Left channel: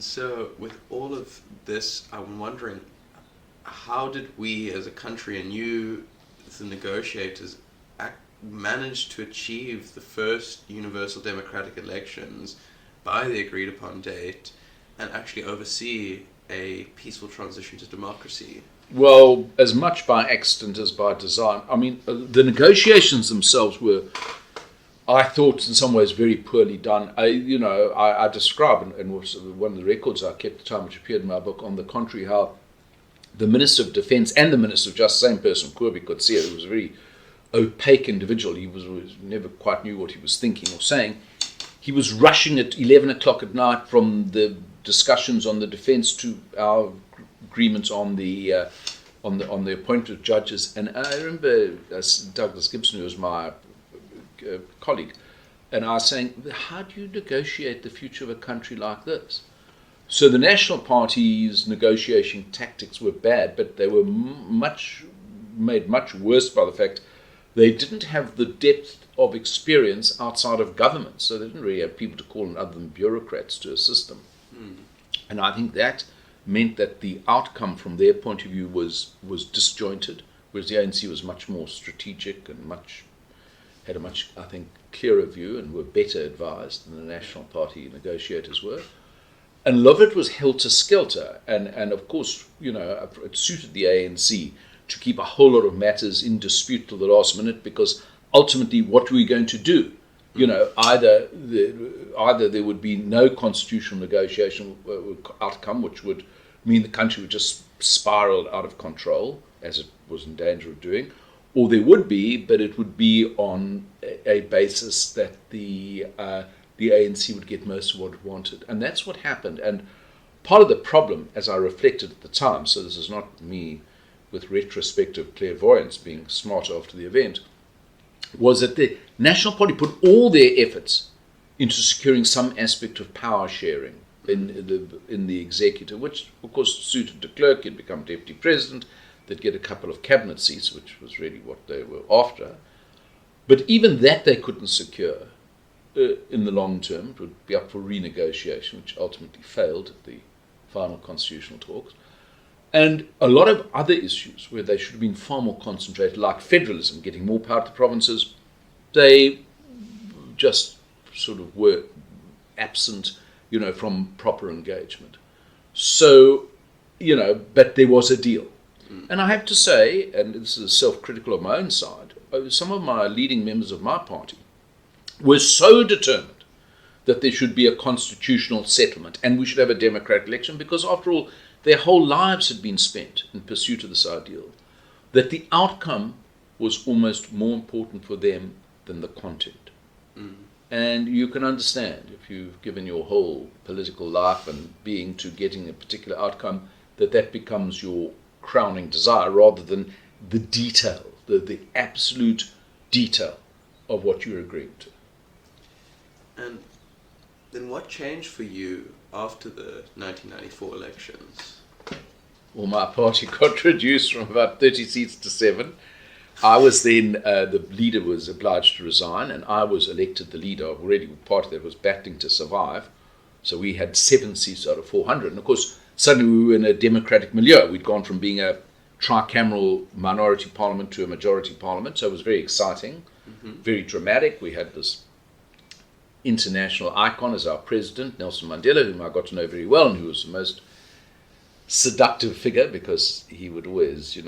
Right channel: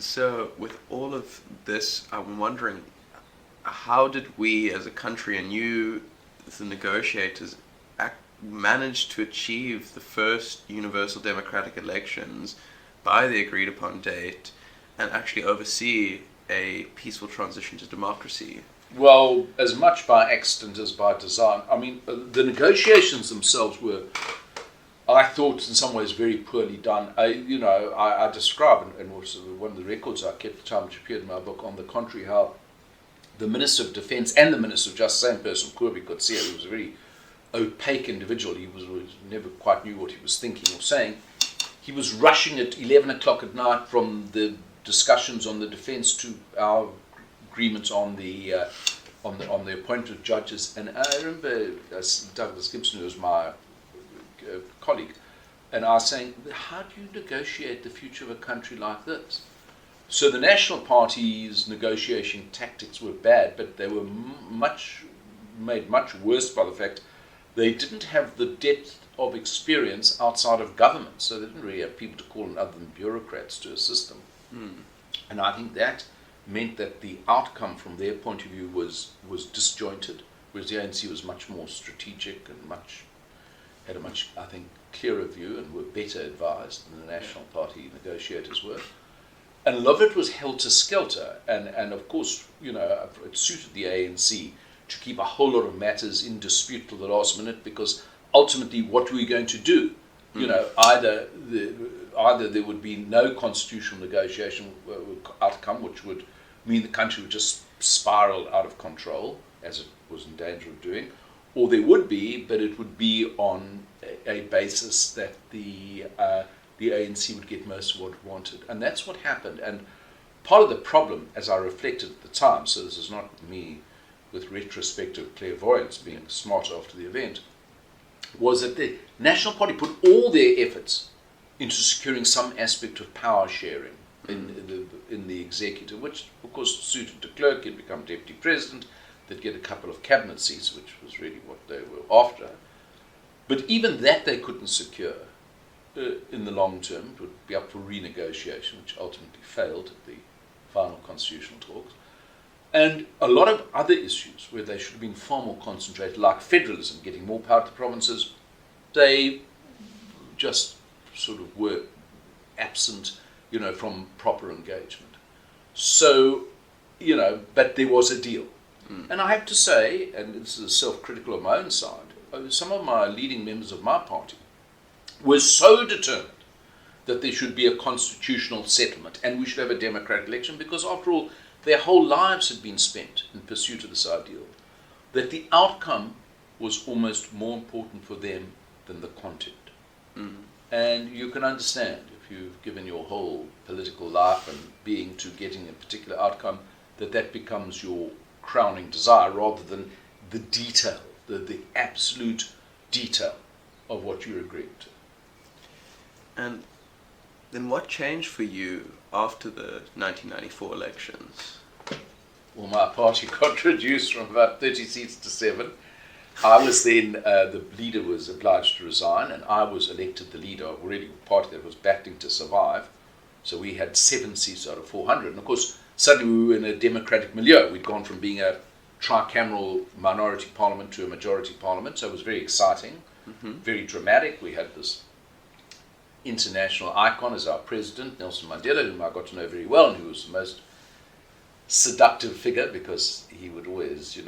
And so, with all of this, I'm wondering, how did we as a country and you, the negotiators, manage to achieve the first universal democratic elections by the agreed upon date and actually oversee a peaceful transition to democracy? Well, as much by accident as by design. I mean, the negotiations themselves were, I thought, in some ways very poorly done. I describe in one of the records I kept at the time, which appeared in my book, on the contrary, how the Minister of Defence and the Minister of Justice, same person, Kubi could see it, he was a very opaque individual. He was never quite knew what he was thinking or saying. He was rushing at 11 o'clock at night from the discussions on the defence to our agreements on the appointment of judges. And I remember Douglas Gibson, who was my colleague, and I was saying, how do you negotiate the future of a country like this? So the National Party's negotiation tactics were bad, but they were made much worse by the fact they didn't have the depth of experience outside of government, so they didn't really have people to call on other than bureaucrats to assist them. And I think that meant that the outcome from their point of view was disjointed, whereas the ANC was much more strategic and had a much, I think, clearer view and were better advised than the National Party negotiators were. And a lot of it was helter-skelter, and of course, it suited the ANC to keep a whole lot of matters in dispute till the last minute, because ultimately, what were we going to do? Either there would be no constitutional negotiation outcome, which would mean the country would just spiral out of control, as it was in danger of doing, or there would be, but it would be on a basis that the ANC would get most of what it wanted. And that's what happened. And part of the problem, as I reflected at the time, so this is not me with retrospective clairvoyance being smart after the event, was that the National Party put all their efforts into securing some aspect of power sharing in the executive, which of course suited de Klerk. He'd become deputy president, they'd get a couple of cabinet seats, which was really what they were after. But even that they couldn't secure in the long term. It would be up for renegotiation, which ultimately failed at the final constitutional talks. And a lot of other issues where they should have been far more concentrated, like federalism, getting more power to provinces, they just sort of were absent, from proper engagement. So, but there was a deal. And I have to say, and this is self-critical of my own side, some of my leading members of my party were so determined that there should be a constitutional settlement and we should have a democratic election, because after all, their whole lives had been spent in pursuit of this ideal, that the outcome was almost more important for them than the content. And you can understand, if you've given your whole political life and being to getting a particular outcome, that becomes your crowning desire rather than the detail, the absolute detail of what you're agreeing to. And then what changed for you after the 1994 elections? Well, my party got reduced from about 30 seats to 7. I was then, the leader was obliged to resign, and I was elected the leader of already a party that was battling to survive. So we had 7 seats out of 400. And of course, suddenly we were in a democratic milieu. We'd gone from being a tricameral minority parliament to a majority parliament. So it was very exciting, very dramatic. We had this international icon as our president, Nelson Mandela, whom I got to know very well, and who was the most seductive figure, because he would always,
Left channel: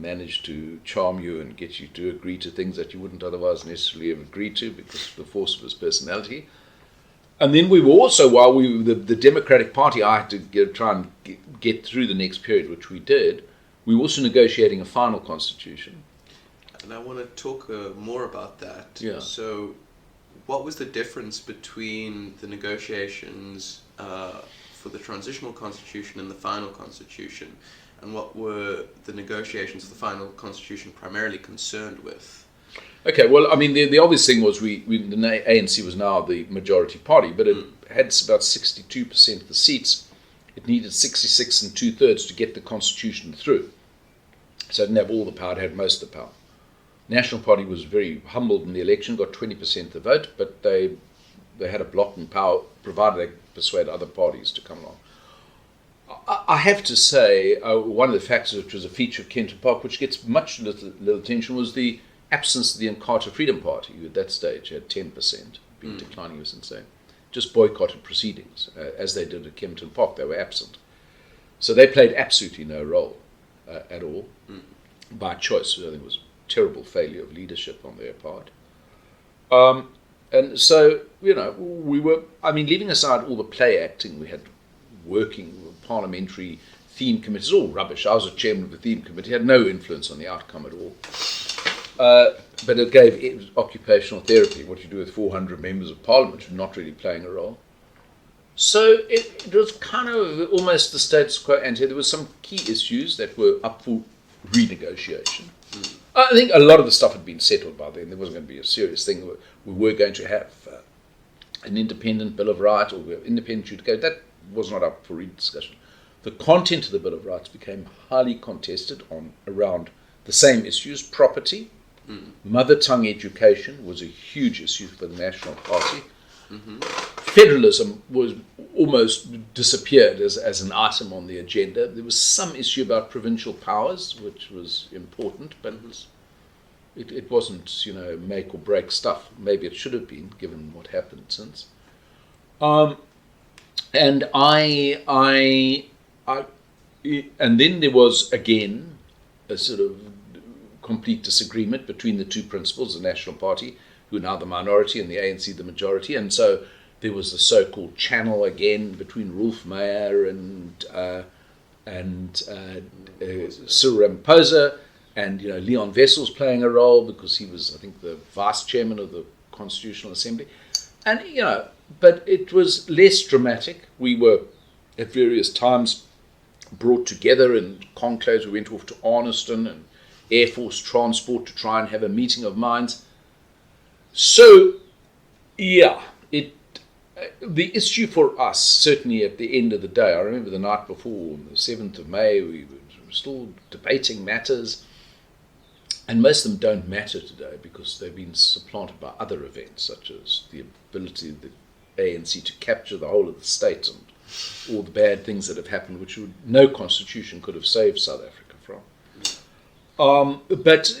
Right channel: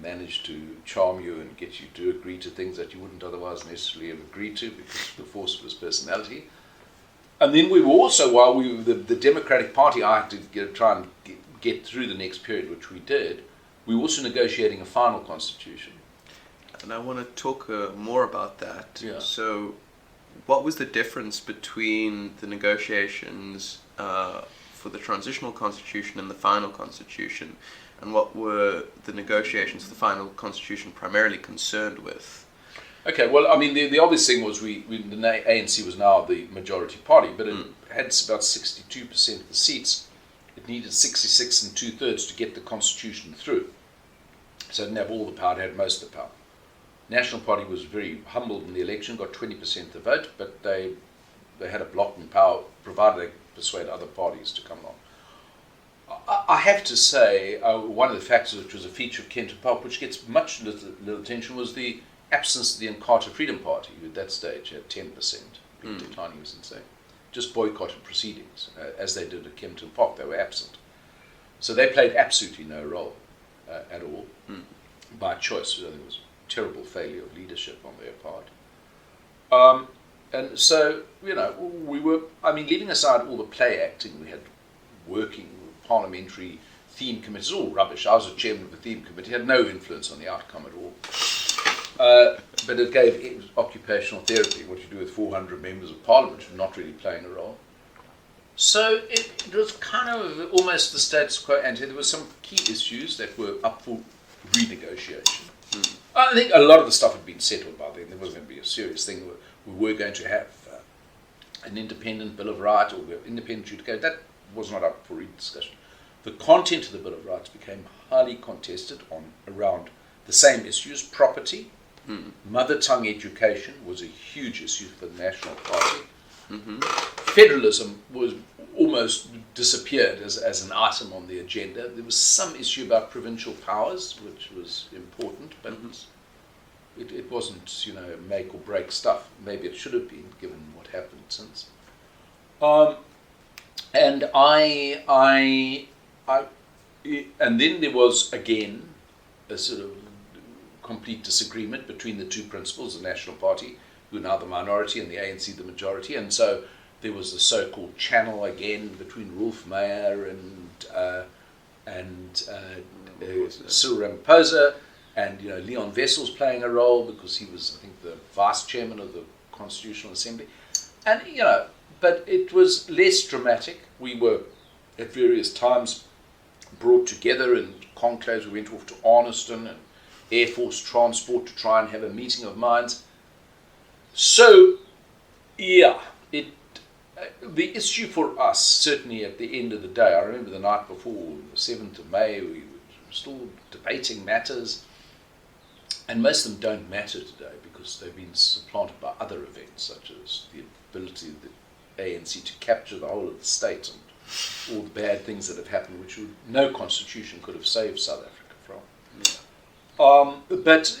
manage to charm you and get you to agree to things that you wouldn't otherwise necessarily have agreed to because of the force of his personality. And then we were also, while we were the Democratic Party, I had to try and get through the next period, which we did. We were also negotiating a final constitution. And I want to talk more about that. Yeah. So what was the difference between the negotiations for the transitional constitution and the final constitution? And what were the negotiations for the final constitution primarily concerned with? Okay, well, I mean, the obvious thing was the ANC was now the majority party, but it had about 62% of the seats. It needed 66 and 2/3 to get the constitution through. So it didn't have all the power, it had most of the power. National Party was very humbled in the election, got 20% of the vote, but they had a blocking power, provided they persuade other parties to come along. I have to say, one of the factors which was a feature of Kenton Park, which gets much little attention, was the absence of the Inkatha Freedom Party, who at that stage had 10%, been declining since then, just boycotted proceedings, as they did at Kempton Park. They were absent. So they played absolutely no role at all, by choice. I think it was a terrible failure of leadership on their part. And so, we were, leaving aside all the play acting, we had working parliamentary theme committees, all rubbish. I was a chairman of the theme committee, had no influence on the outcome at all. But it gave occupational therapy, what you do with 400 members of parliament, not really playing a role. So it was kind of almost the status quo ante. There were some key issues that were up for renegotiation. I think a lot of the stuff had been settled by then. There wasn't going to be a serious thing. We were going to have an independent Bill of Rights, or independent adjudication. That was not up for rediscussion. The content of the Bill of Rights became highly contested around the same issues. Property, mother tongue education was a huge issue for the National Party. Federalism was almost disappeared as an item on the agenda. There was some issue about provincial powers, which was important, but it wasn't, make or break stuff. Maybe it should have been, given what happened since. And and then there was again a sort of complete disagreement between the two principals, the National Party, who are now the minority, and the ANC, the majority. And so there was the so-called channel again between Rolf Meyer and Cyril Ramaphosa, and Leon Wessels playing a role because he was, I think, the vice chairman of the Constitutional Assembly. And but it was less dramatic. We were at various times brought together in conclaves. We went off to Arniston and Air Force Transport to try and have a meeting of minds. So, the issue for us, certainly at the end of the day, I remember the night before, the 7th of May, we were still debating matters, and most of them don't matter today because they've been supplanted by other events, such as the ability of the ANC to capture the whole of the state and all the bad things that have happened, which no constitution could have saved South Africa from. But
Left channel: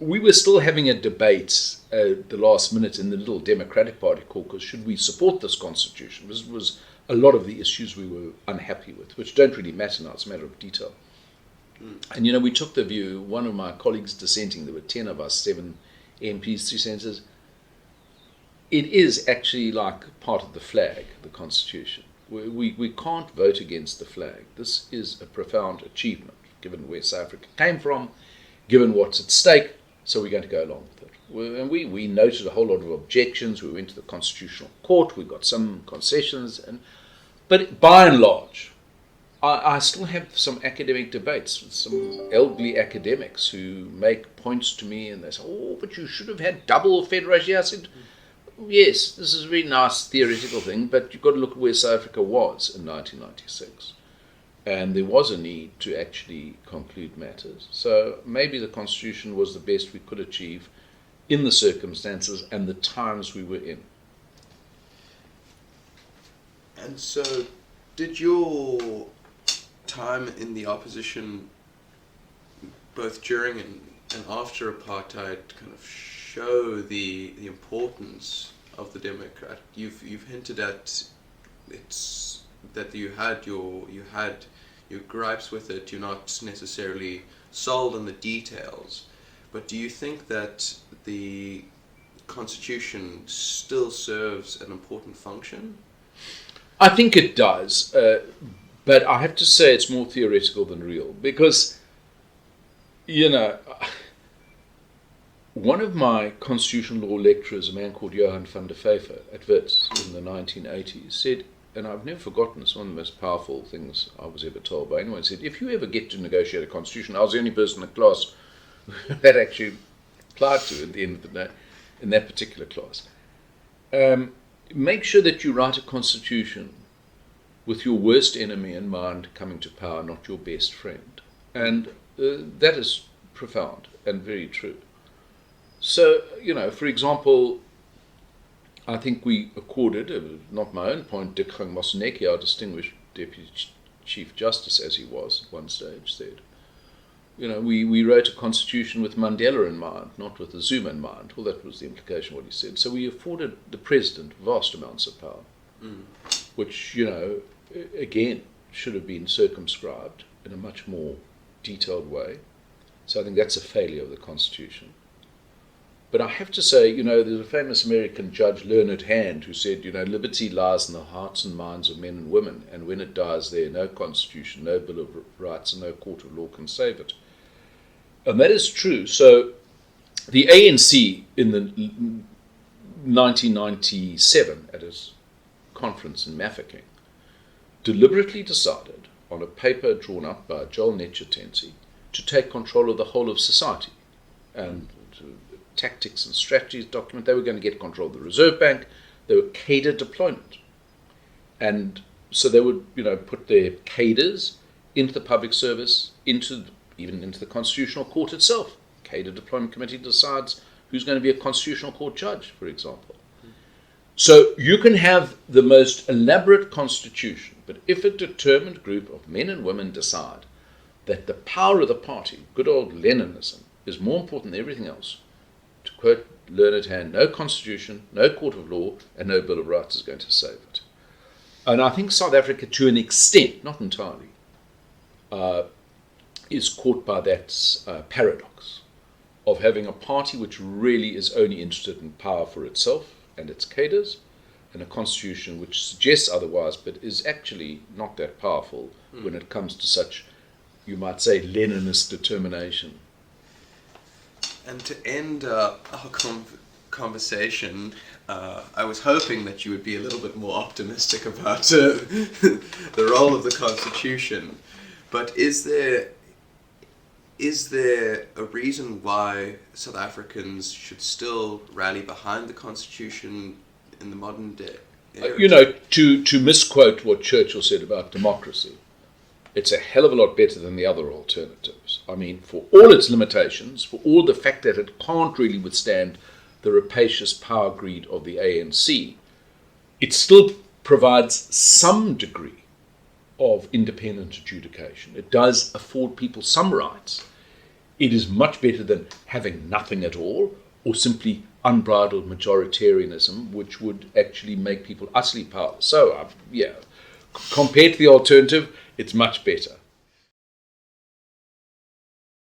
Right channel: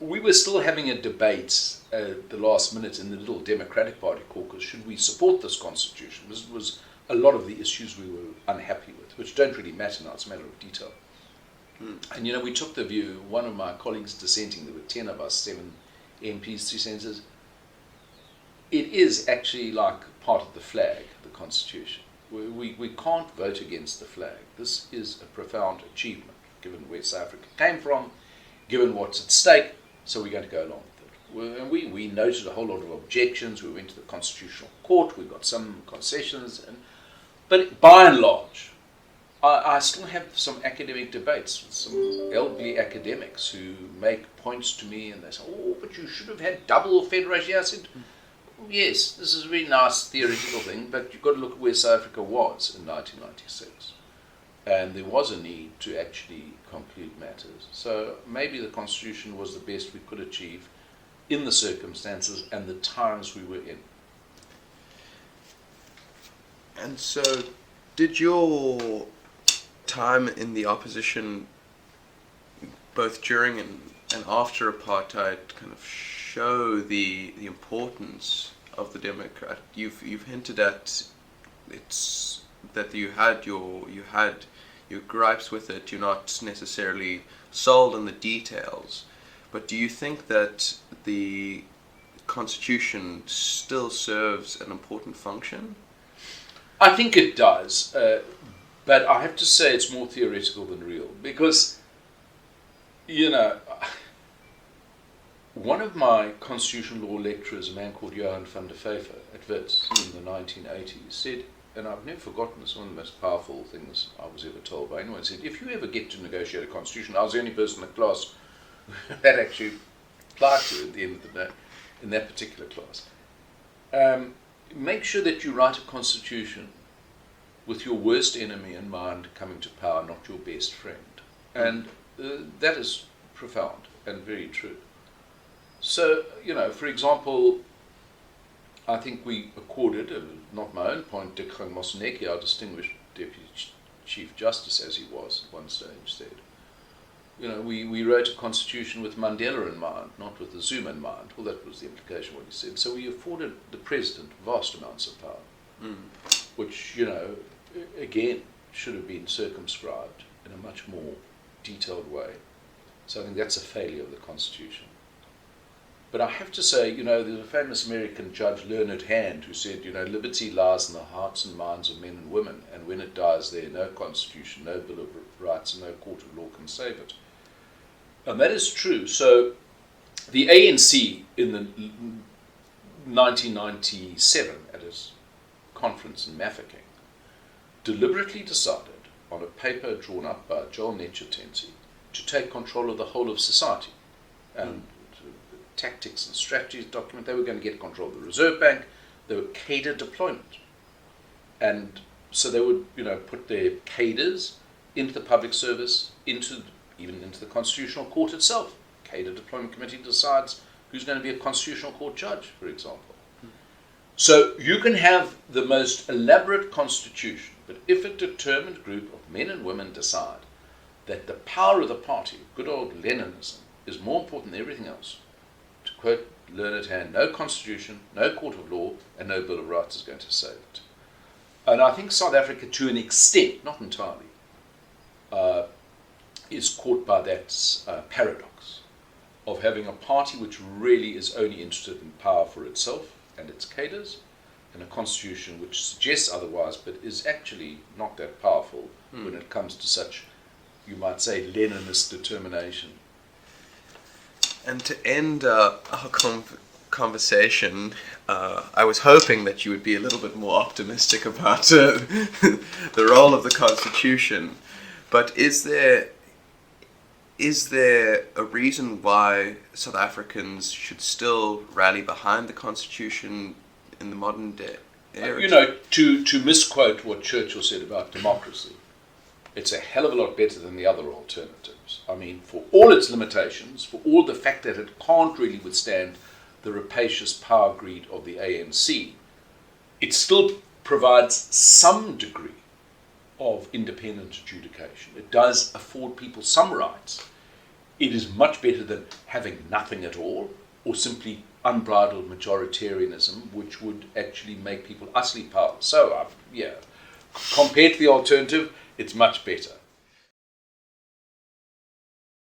we were still having a debate at the last minute in the little Democratic Party caucus. Should we support this constitution? This was a lot of the issues we were unhappy with, which don't really matter now. It's a matter of detail. And we took the view, one of my colleagues dissenting, there were 10 of us, 7 MPs, 3 senators. It is actually like part of the flag, the constitution. We can't vote against the flag. This is a profound achievement, given where South Africa came from, given what's at stake, so we're going to go along with it. And we noted a whole lot of objections. We went to the Constitutional Court. We got some concessions. But by and large, I still have some academic debates with some elderly academics who make points to me and they say, but you should have had double federation. I said, yes, this is a really nice theoretical thing, but you've got to look at where South Africa was in 1996. And there was a need to actually conclude matters. So maybe the Constitution was the best we could achieve in the circumstances and the times we were in. And so, did your time in the opposition, both during and after apartheid, kind of show the importance of the Democrat? You've hinted at it's that you had your gripes with it. You're not necessarily sold on the details, but do you think that the Constitution still serves an important function? I think it does, but I have to say it's more theoretical than real, because one of my constitutional law lecturers, a man called Johan van der Vyver at Wits in the 1980s, said, and I've never forgotten this, one of the most powerful things I was ever told by anyone, said, if you ever get to negotiate a constitution, I was the only person in the class that actually applied to at the end of the day, in that particular class. Make sure that you write a constitution with your worst enemy in mind coming to power, not your best friend. And that is profound and very true. So, for example, I think we accorded, not my own point, Dick Moseneke, our distinguished deputy Chief Justice, as he was at one stage, said, we wrote a constitution with Mandela in mind, not with the Zuma in mind. Well, that was the implication of what he said. So we afforded the president vast amounts of power, which, again, should have been circumscribed in a much more detailed way. So I think that's a failure of the constitution. But I have to say, there's a famous American judge, Learned Hand, who said, liberty lies in the hearts and minds of men and women, and when it dies there, no constitution, no Bill of Rights, and no court of law can save it. And that is true. So the ANC in the 1997, at its conference in Mafeking, deliberately decided, on a paper drawn up by Joel Netchitensi, to take control of the whole of society. And tactics and strategies document, they were going to get control of the Reserve Bank, they were cadre deployment. And so they would, put their cadres into the public service, even into the Constitutional Court itself. Cadre Deployment Committee decides who's going to be a Constitutional Court judge, for example. So you can have the most elaborate constitution, but if a determined group of men and women decide that the power of the party, good old Leninism, is more important than everything else, to quote Learned Hand, no constitution, no court of law, and no Bill of Rights is going to save it. And I think South Africa, to an extent, not entirely, is caught by that paradox of having a party which really is only interested in power for itself and its cadres, and a constitution which suggests otherwise, but is actually not that powerful when it comes to such, you might say, Leninist determination. And to end our conversation, I was hoping that you would be a little bit more optimistic about the role of the Constitution. But is there a reason why South Africans should still rally behind the Constitution in the modern day era? To misquote what Churchill said about democracy, it's a hell of a lot better than the other alternatives. I mean, for all its limitations, for all the fact that it can't really withstand the rapacious power greed of the ANC, it still provides some degree of independent adjudication. It does afford people some rights. It is much better than having nothing at all, or simply unbridled majoritarianism, which would actually make people utterly powerless. So, compared to the alternative, it's much better.